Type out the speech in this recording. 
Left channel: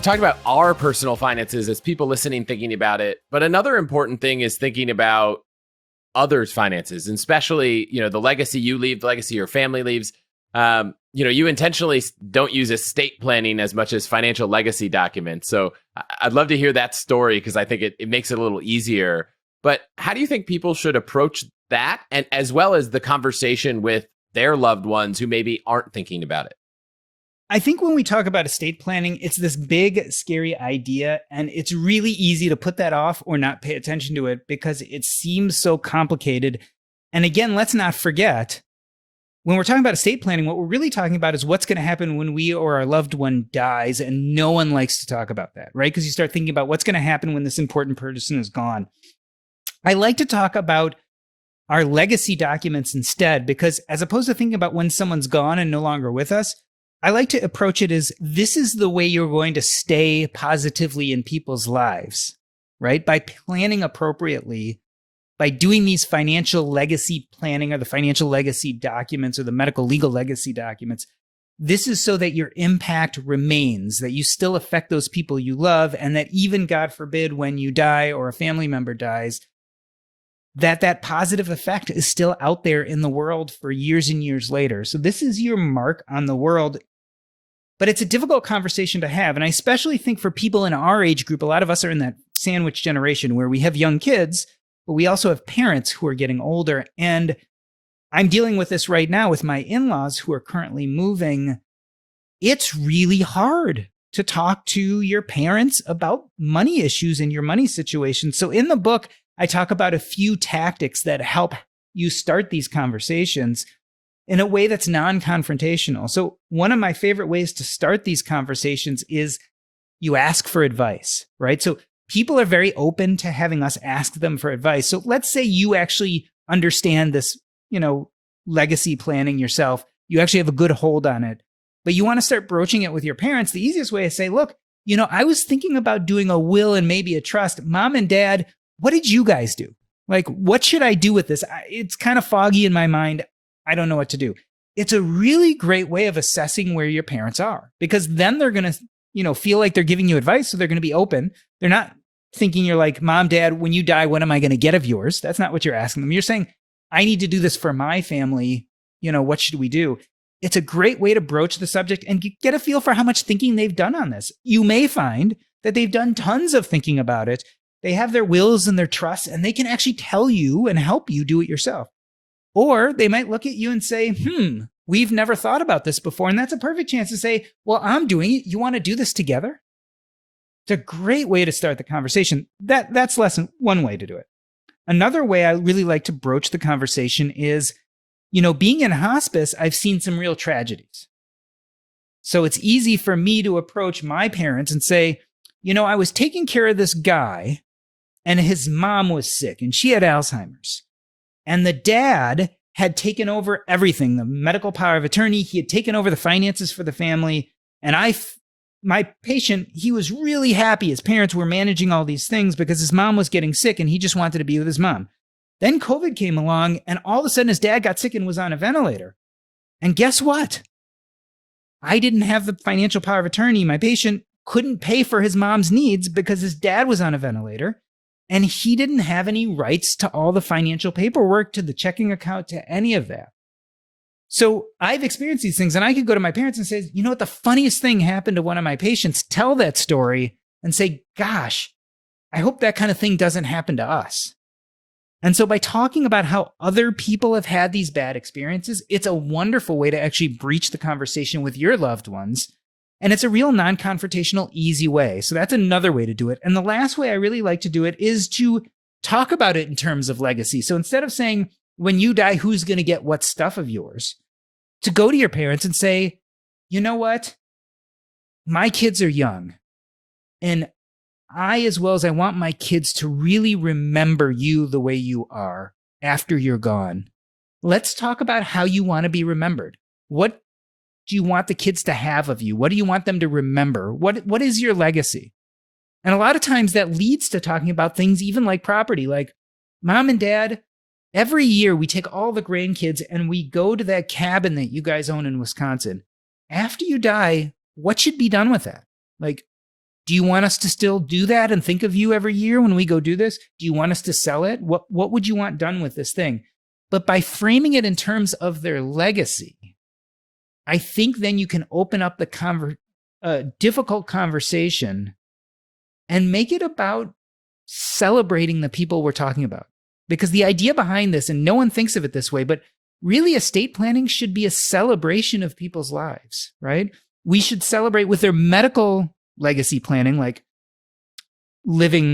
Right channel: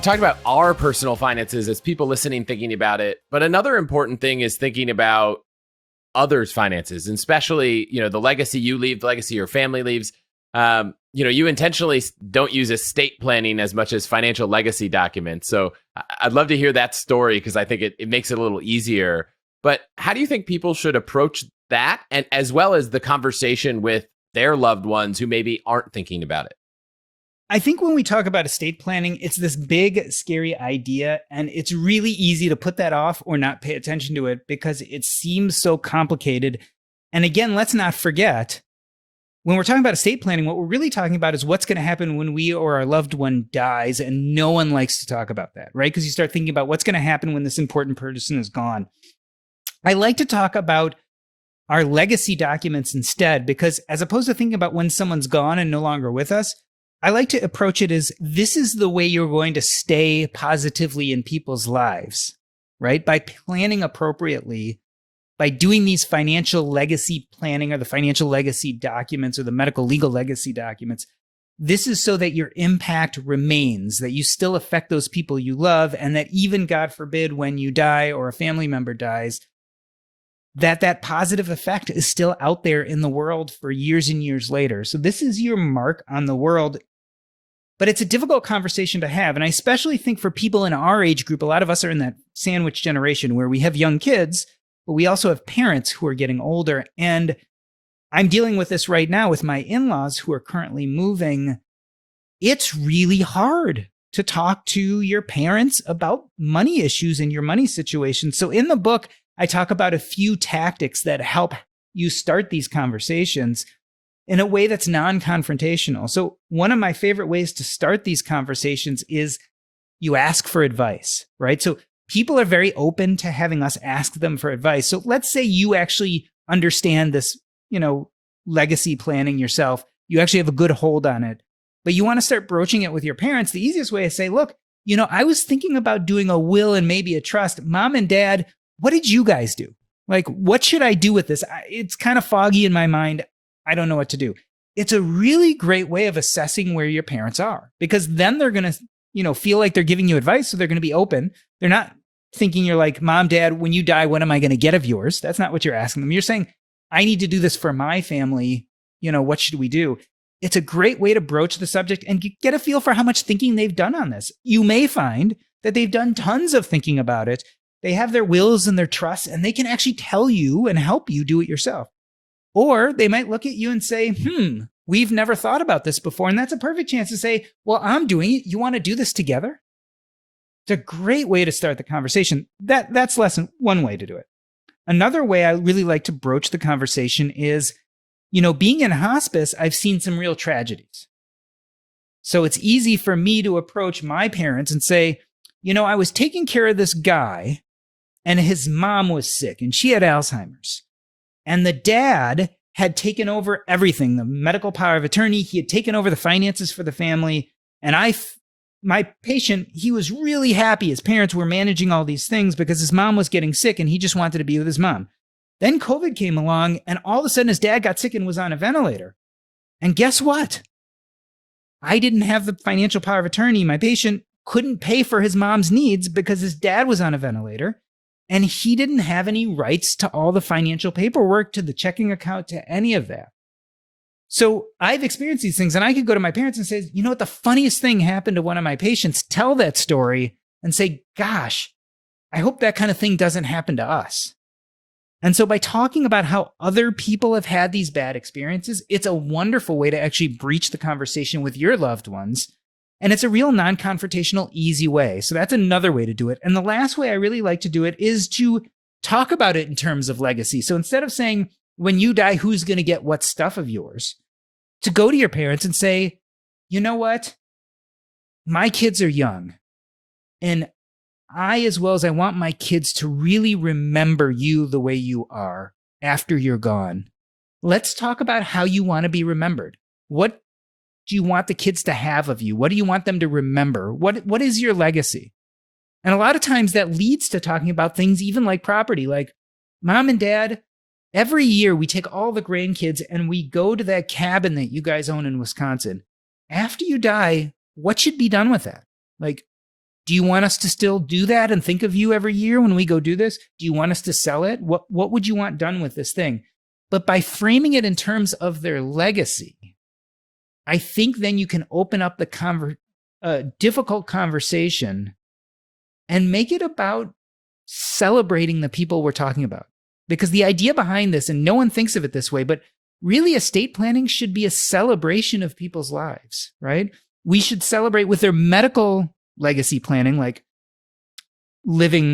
We talked about our personal finances as people listening, thinking about it. But another important thing is thinking about others' finances, and especially, the legacy you leave, the legacy your family leaves. You intentionally don't use estate planning as much as financial legacy documents. So I'd love to hear that story because I think it makes it a little easier. But how do you think people should approach that, and as well as the conversation with their loved ones who maybe aren't thinking about it? I think when we talk about estate planning, it's this big, scary idea, and it's really easy to put that off or not pay attention to it because it seems so complicated. And again, let's not forget, when we're talking about estate planning, what we're really talking about is what's going to happen when we or our loved one dies, and no one likes to talk about that, right? Because you start thinking about what's going to happen when this important person is gone. I like to talk about our legacy documents instead, because as opposed to thinking about when someone's gone and no longer with us, I like to approach it as this is the way you're going to stay positively in people's lives, right? By planning appropriately, by doing these financial legacy planning or the financial legacy documents or the medical legal legacy documents. This is so that your impact remains, that you still affect those people you love, and that even, God forbid, when you die or a family member dies, that positive effect is still out there in the world for years and years later. So this is your mark on the world. But it's a difficult conversation to have. And I especially think for people in our age group, a lot of us are in that sandwich generation where we have young kids, but we also have parents who are getting older. And I'm dealing with this right now with my in-laws who are currently moving. It's really hard to talk to your parents about money issues and your money situation. So in the book, I talk about a few tactics that help you start these conversations in a way that's non-confrontational. So one of my favorite ways to start these conversations is you ask for advice, right? So people are very open to having us ask them for advice. So let's say you actually understand this, legacy planning yourself. You actually have a good hold on it, but you want to start broaching it with your parents. The easiest way is say, look, I was thinking about doing a will and maybe a trust. Mom and Dad, what did you guys do? Like, what should I do with this? It's kind of foggy in my mind. I don't know what to do. It's a really great way of assessing where your parents are, because then they're going to, feel like they're giving you advice. So they're going to be open. They're not thinking you're like, Mom, Dad, when you die, what am I going to get of yours? That's not what you're asking them. You're saying, I need to do this for my family. What should we do? It's a great way to broach the subject and get a feel for how much thinking they've done on this. You may find that they've done tons of thinking about it. They have their wills and their trusts, and they can actually tell you and help you do it yourself. Or they might look at you and say, we've never thought about this before. And that's a perfect chance to say, well, I'm doing it. You want to do this together? It's a great way to start the conversation. That's one way to do it. Another way I really like to broach the conversation is, being in hospice, I've seen some real tragedies. So it's easy for me to approach my parents and say, I was taking care of this guy and his mom was sick and she had Alzheimer's. And the dad had taken over everything, the medical power of attorney. He had taken over the finances for the family. And my patient, he was really happy. His parents were managing all these things because his mom was getting sick and he just wanted to be with his mom. Then COVID came along and all of a sudden his dad got sick and was on a ventilator. And guess what? I didn't have the financial power of attorney. My patient couldn't pay for his mom's needs because his dad was on a ventilator. And he didn't have any rights to all the financial paperwork, to the checking account, to any of that. So I've experienced these things, and I could go to my parents and say, what, the funniest thing happened to one of my patients, tell that story and say, gosh, I hope that kind of thing doesn't happen to us. And so by talking about how other people have had these bad experiences, it's a wonderful way to actually breach the conversation with your loved ones. And it's a real non-confrontational, easy way. So that's another way to do it. And the last way I really like to do it is to talk about it in terms of legacy. So instead of saying, when you die, who's going to get what stuff of yours? To go to your parents and say, you know what? My kids are young. And as well as I want my kids to really remember you the way you are after you're gone. Let's talk about how you want to be remembered. What do you want the kids to have of you? What do you want them to remember? What is your legacy? And a lot of times that leads to talking about things even like property, like, Mom and Dad, every year we take all the grandkids and we go to that cabin that you guys own in Wisconsin. After you die, what should be done with that? Like, Do you want us to still do that and think of you every year when we go do this? Do you want us to sell it? What would you want done with this thing? But by framing it in terms of their legacy, I think then you can open up the difficult conversation and make it about celebrating the people we're talking about. Because the idea behind this, and no one thinks of it this way, but really estate planning should be a celebration of people's lives, right? We should celebrate with their medical legacy planning, like living